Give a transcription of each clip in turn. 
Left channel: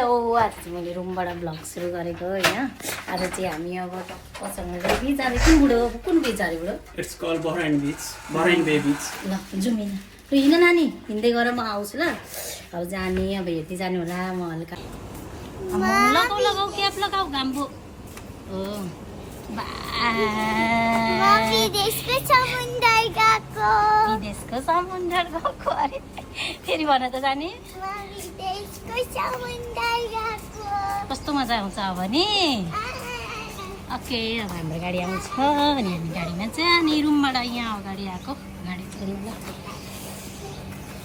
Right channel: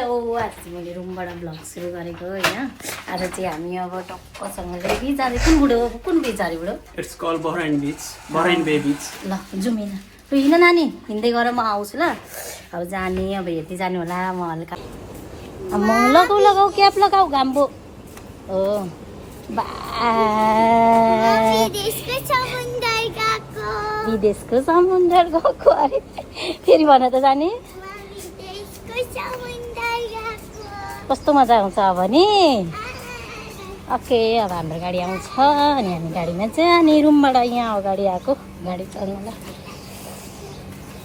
Hello, आज मैले रुमबाट ब्लग सुरु गरेको होइन। आज चाहिँ हामी अब टक्कसँग बिच जाँदैछौँ। बुढो कुन बिच जाने बुढो? इट्स कॉल्ड बहराइन बीच, बहराइन बे बीच। ल जाउँ हिँड। तँ हिँड नानी, हिँड्दै गर म आउँछु ल। अब जाने, अब हेर्दै जानु होला म हल्का। लगाऊ क्याप लगाऊ घाम्बो हो। विदेशको समुद्र गएको अरे फेरि भन त जाने कस्तो मजा आउँछ अब नि। ओके, अब हाम्रो गाडी आउँछ अनि हामी गाडीमा चाहिँ अनि रुमबाट यहाँ अगाडि आएको गाडी चढ्नुलाई।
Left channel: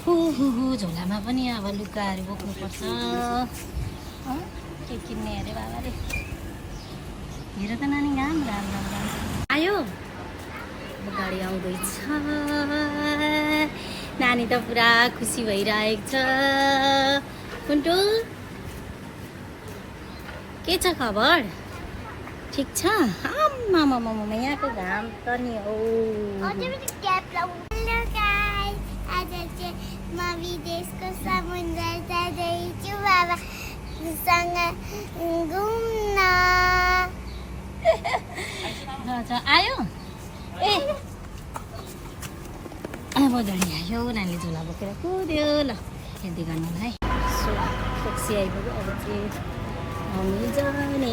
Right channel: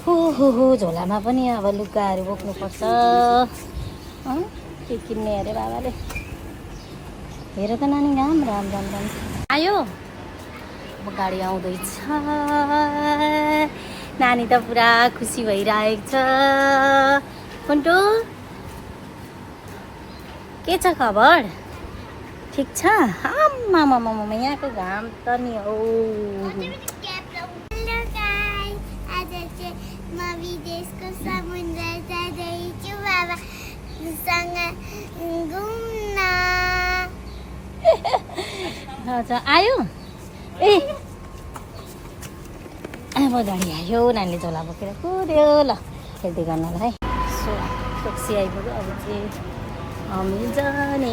हो झोलामा पनि अब लुगाहरू बोक्नुपर्छ। के किन्ने अरे बाबाले। हेर त नानी राम्रो राम्रो आयो। अब गाडी आउँदैछ। नानी त पुरा खुसी भइरहेको छ। पन्टु के छ खबर? ठिक छ? आम्मामामा यहाँको घाम त नि हो। आज चाहिँ म विदेशको समुद्र जाँदैछु बाबासँग घुम्न। आयो ए अब गाडी आयो। नानीले झोला बोकेर कुद्यो। ल हेर्दै गर्नु होला है। सो टक्सी आइपुग्यो। अब चाहिँ हामी जाने।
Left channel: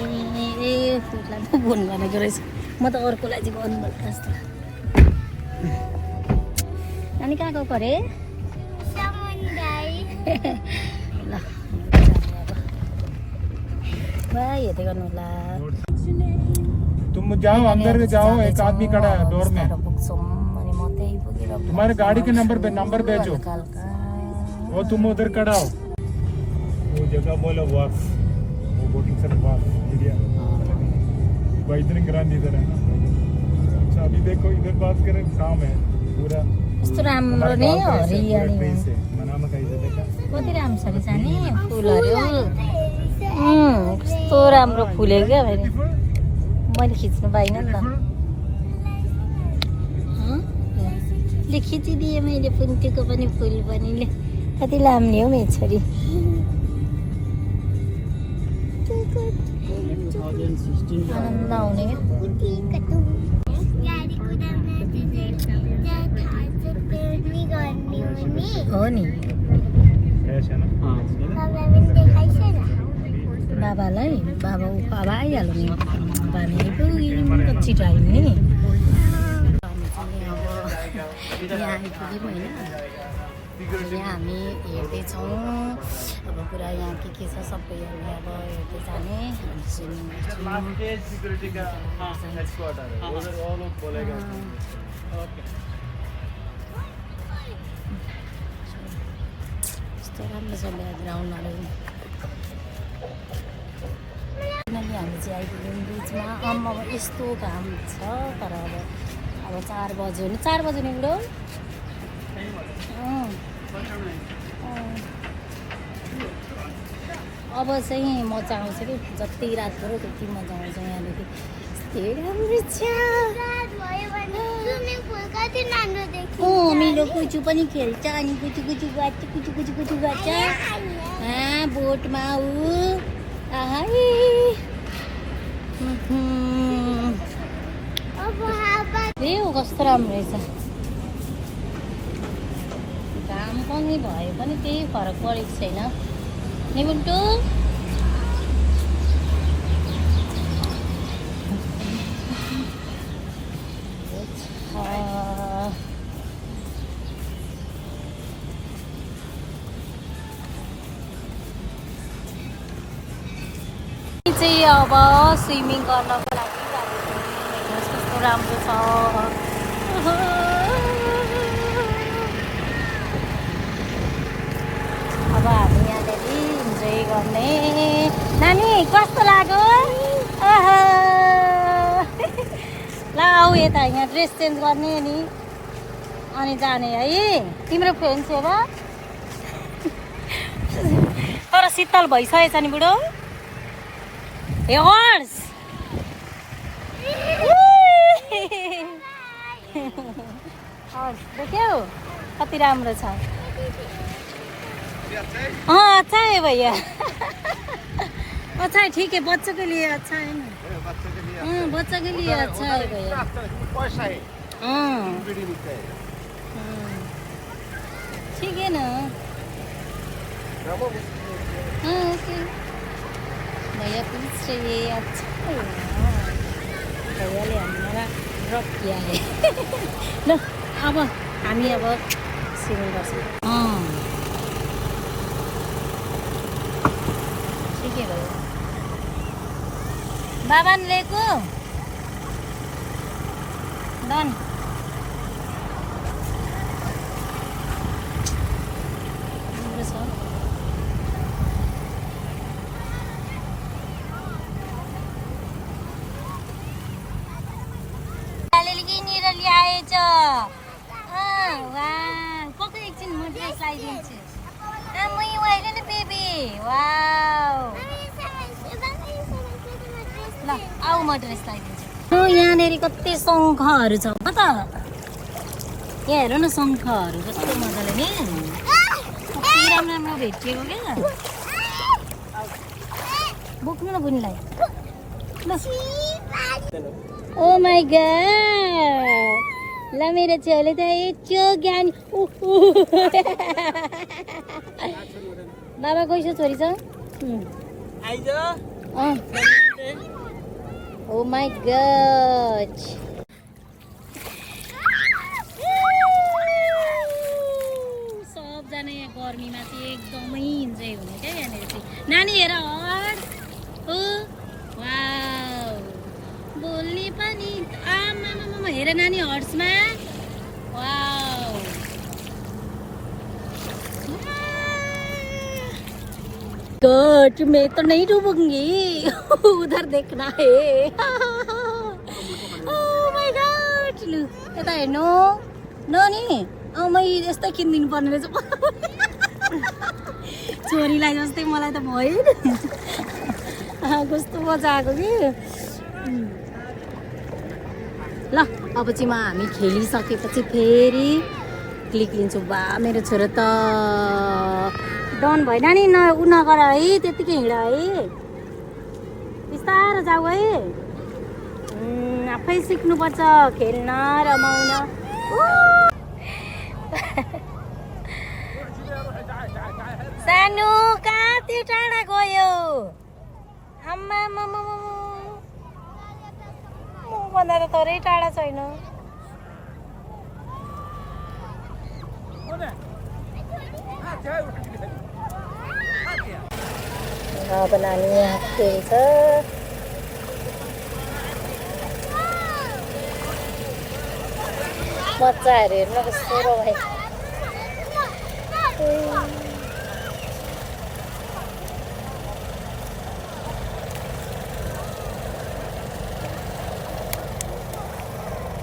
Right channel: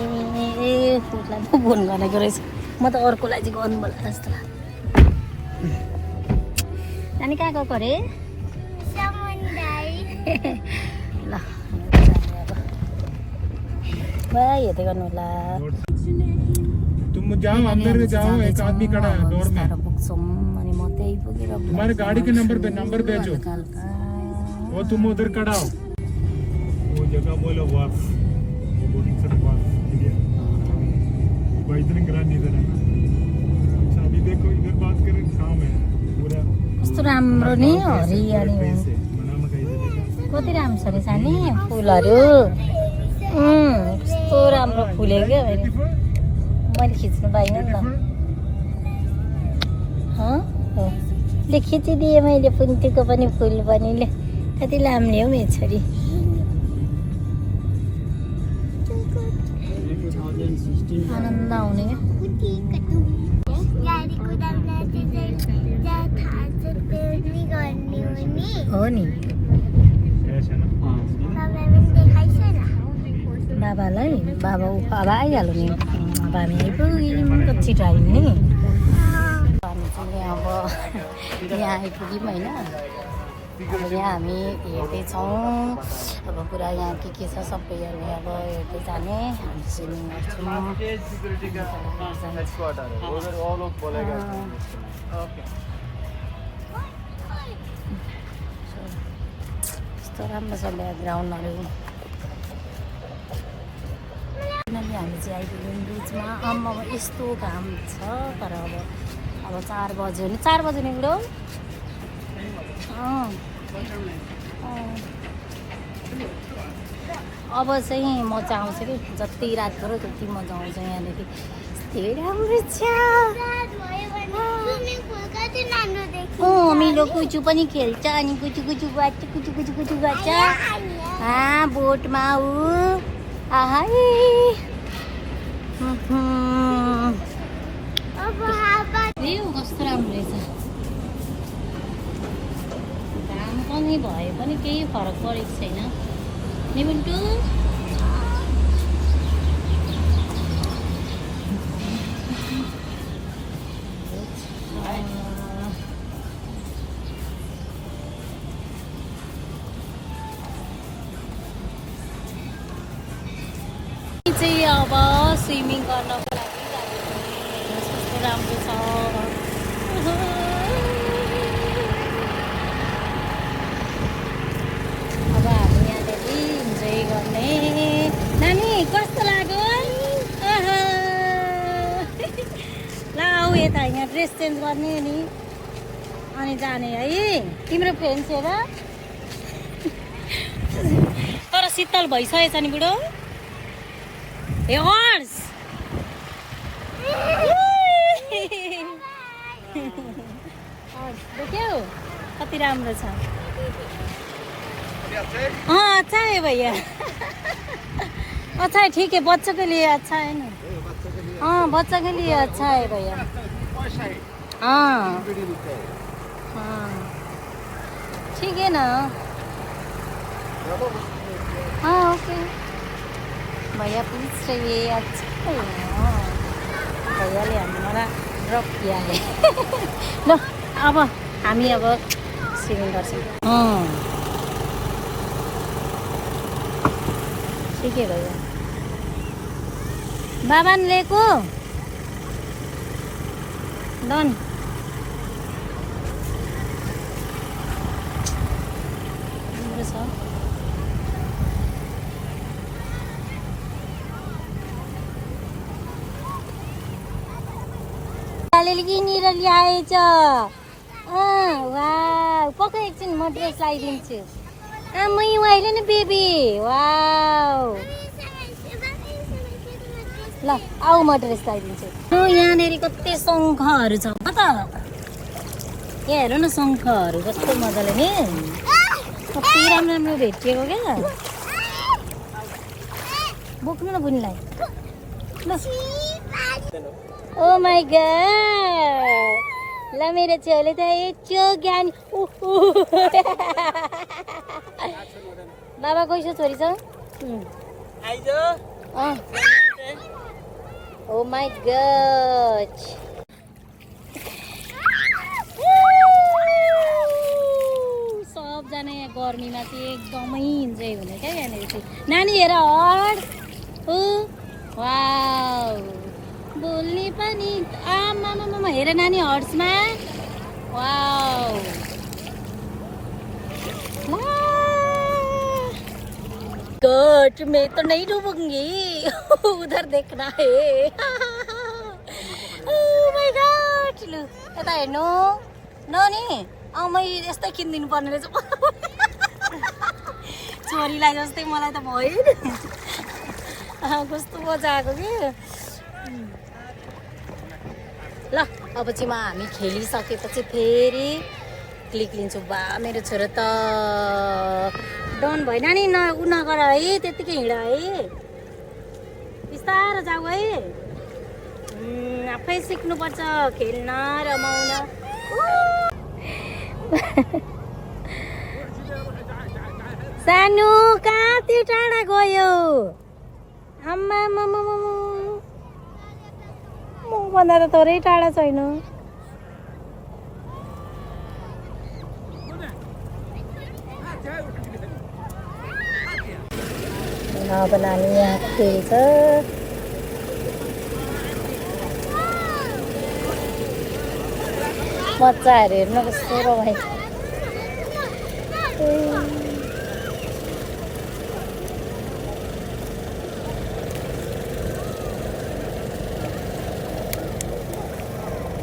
उसलाई पो फोन गरेको रहेछ। म त अर्कोलाई चाहिँ गर्नु होला जस्तो लाग्यो। नानी कहाँ गएको अरे? ल भाइ हेर्दै गर्नु होला। तुम जाओ अंदर जाओ, एक आदमी खड़ा है डोर में। तुम्हारे गाड़ी के नंबर भेजो, वो तुम उधर खड़ा हो। वो जगह बोलो वाक, वो बोटिंग सर वाक इधर ग्रांड इधर है। अच्छा अभी देखो इधर बात करें, काम है पूरा ट्रेस है मनामा का इधर देखा कति राम्रो छ रहेछ नि फुलहरू। कस्तो राम्रो फुल्यो क्या मैले खिच्नु पाइनँ नि त। ले खिचिदिएँ मैले पुन्तीको पनि फुल पनि। ले कति लाम्ने हो मेरो छोरी। हो नि बाबालाई बाबा आइहाल्यो नि। हामी छिटो आयौँ नि। हामी चाहिँ अब यहाँ आइपुग्यौँ होइन। यहाँ हामी हेर्दैछौँ अब पुरा यहाँ के छ सबै अब हेर्दै जाने। कस्तो राम्रो छ ग्राउन्डहरू। किनकि हामी चाहिँ आइपुग्यौँ बिचमा। अब यस्तो घाम छ तर अब 4 बज्यो नि। 4 बज्यो नि बुढो। अब चाहिँ मजा आउँछ कि जति रात पऱ्यो त्यति मजा आउँछ यहाँदेखि। राम्रो छ। मिलो कुचु पनि खेल्छ अनि कुचु गर्छ। बोटमा ऊ कस्तो राम्रो रहेछ। घाम पनि भए पनि केही फरक परेको छैन नि बुन्टु। चाहिँ अब स्विमिङ गर्नको लागि कस्तो राम्रो छ। अब हामी यहाँनिर इन्जोय गर्ने। नानी कस्तो लाग्यो? ल आऊ यता, यहाँ ड्रेस चेन्ज गर्ने नि अनि जाने है। तिम्रो फ्रेन्ड थियो र? तर शीतल भइसकेछ नि बुढो। ए हर्स देख्यौ कति राम्रो छ। अच्छा है भैया। अच्छा है, ठीक है, बच्चों के लिए अच्छा है ना। हाँ, बच्चा के लिए अच्छा है भैया। हाँ हाँ, ठीक है ना। हाँ ओके भैया, प्लीज चाहिए। अच्छा है ना, भैयाले हामीलाई ड्रप किया है। ल अब हामी अब सुरु गर्छौँ। ठिकै भयो। बाबा लिएको डन। राम्रो छ। किनेर ल्याएछ। वाउ, पक्का एकछिन म ड्रेस लगाइदिन्छु। मै अहिले नि बेबी। वाउ, ल आऊ म ड्रेस लगाइदिन्छु। यहाँनिर कति शङ्खहरू छ त। यहाँ हेर न, शङ्खहरू कस्तो मजाले नि कति राम्रो राम्रो भेटिएको क्या। बोक्नु न बुनीलाई। ल ओ माई गॉड, ल मेरो छोरीले त यत्रो ज्ञान। बाबा कैसो छोरी छ? ओ माई गॉड, सबजना यहाँ गर्मीमा चाहिँ एकदमै इन्जोय हुने क्या यहाँनिर चाहिँ। नानी हेर हड। वाउ, बोल्ने पनि। आमामा हेर नानी हर्समा। वाउ, गॉड, मैं तो नहीं डूबूंगी। उधर देखना है। ओह माय गॉड, लु यता हेर्नु न नि। मै यस्तै किनिदिनु पर्ने रहेछ छोरीलाई जस्तै। मलाई त भयो कस्तो मजा आएको कि। ल अब चाहिँ हामी खेलिसकेपछि फेरि क्लिक लिन्छु। बा मेरो छोरो त डन भएन नि। उ नगर है, त्यतिकै हिँड है, बिस्तारो जाऊ है। आफै सिक्नुपर्छ खेल्न रमाउन। सानो कहाँ त्यो टाढा गयो? आम्मा भन्दा त थोरै टाढा छैन। अब नानी यहाँ खेल्छ। बच्चाहरू हेर्नु कस्तो भयो।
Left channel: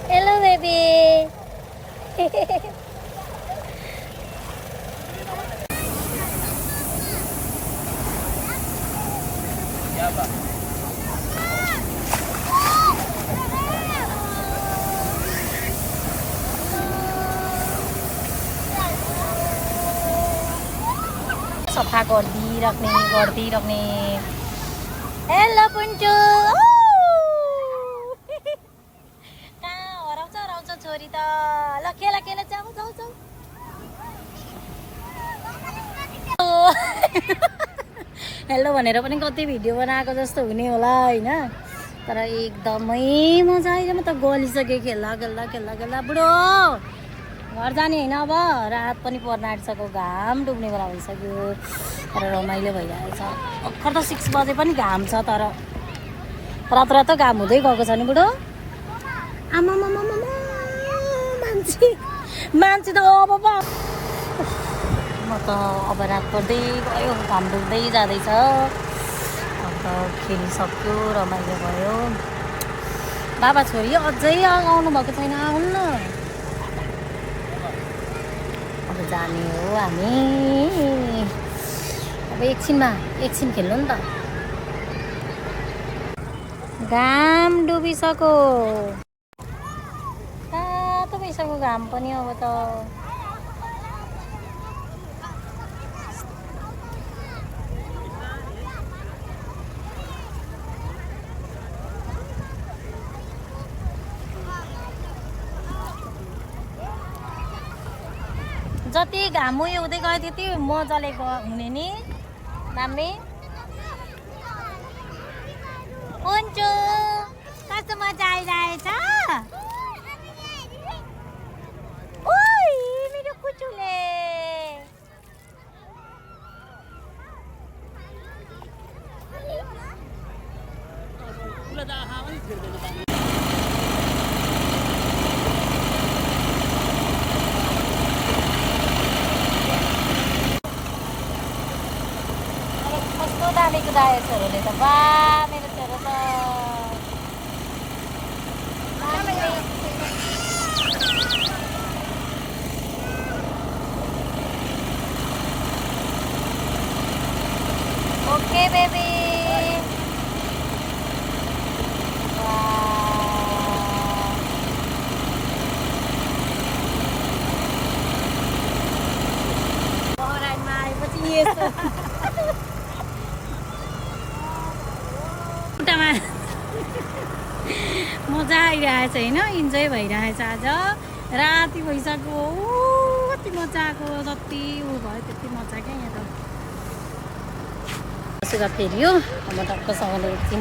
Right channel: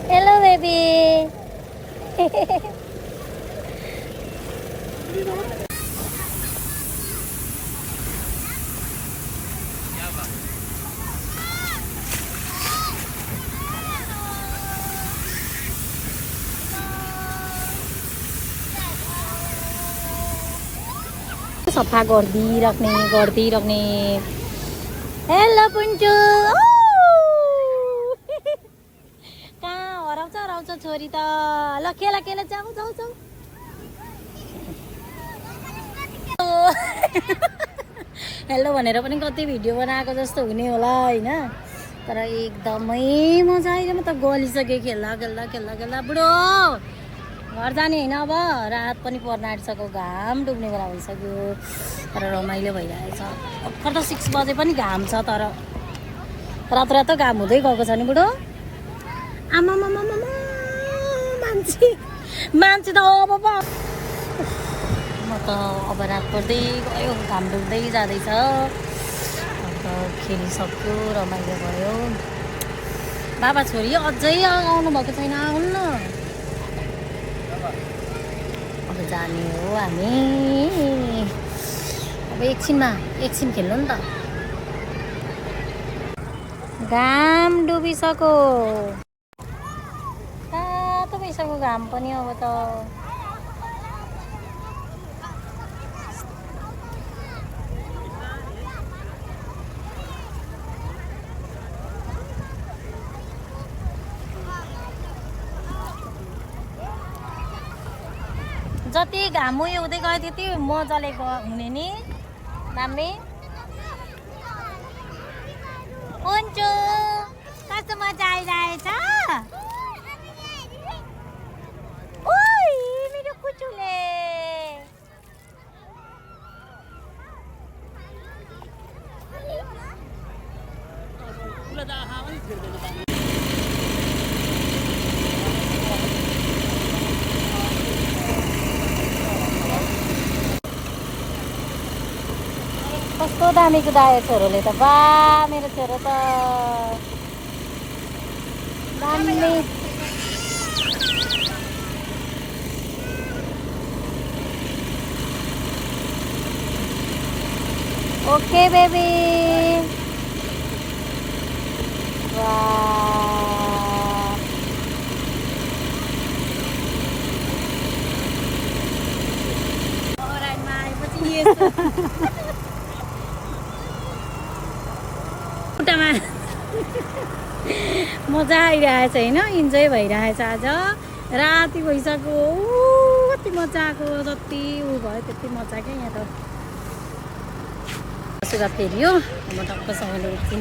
Hello baby. सफा गरिदिइराख्ने। हेलो पुन्टु। कहाँ हराउँछ छोरी त। ल खेला जाऊ। हेलो भनेर पनि कति भिडियो बनाएको जस्तो हुने होला होइन, तर एकदमै मजा आयो। म त गलिसकेँ खेल्दा। बुढो घर जाने होइन, अब रात पनि पर्न आँटिसक्यो, घाम डुब्ने बेला भइसक्यो, तर रमाइलो भइरहेछ। भर्खर त 6 बजे पनि घाम छ, तर रातो घाम हुँदै गएको छ नि बुढो। आमामा मान्छे त अब म त अब रात पर्दै गयो, घाम डुब्दै जाँदैछ। अन्त खेलिसक्यो, रमाइलो भयो। बाबा छोरी अझै आउनु भएको छैन, आउनु न। अब जाने हो हामी। अब एकछिन खेल्नु नि त। घाम डुबिसक्यो, तातो भइसक्यो घाम पनि अब त। जति घाम उयो हुँदै गयो त्यति मजाले हुने नि दामी हुन्छ कस्तो मजा आइरहेछ ओइ मेरो कुचुले कस्तो दामी कुदायो छोरोले त बा मेरो छोरो त ओके बेबी आएपछि यस्तो खुट्टामा मजा आइरहेछ होइन इन्जोय भइरहेछ आज राति भइसक्यो कति मजा आएको जति ऊ भयो त्यति मजा क्या यहाँ त सुगा फेरि हो म टक्कसँगले उठ्छु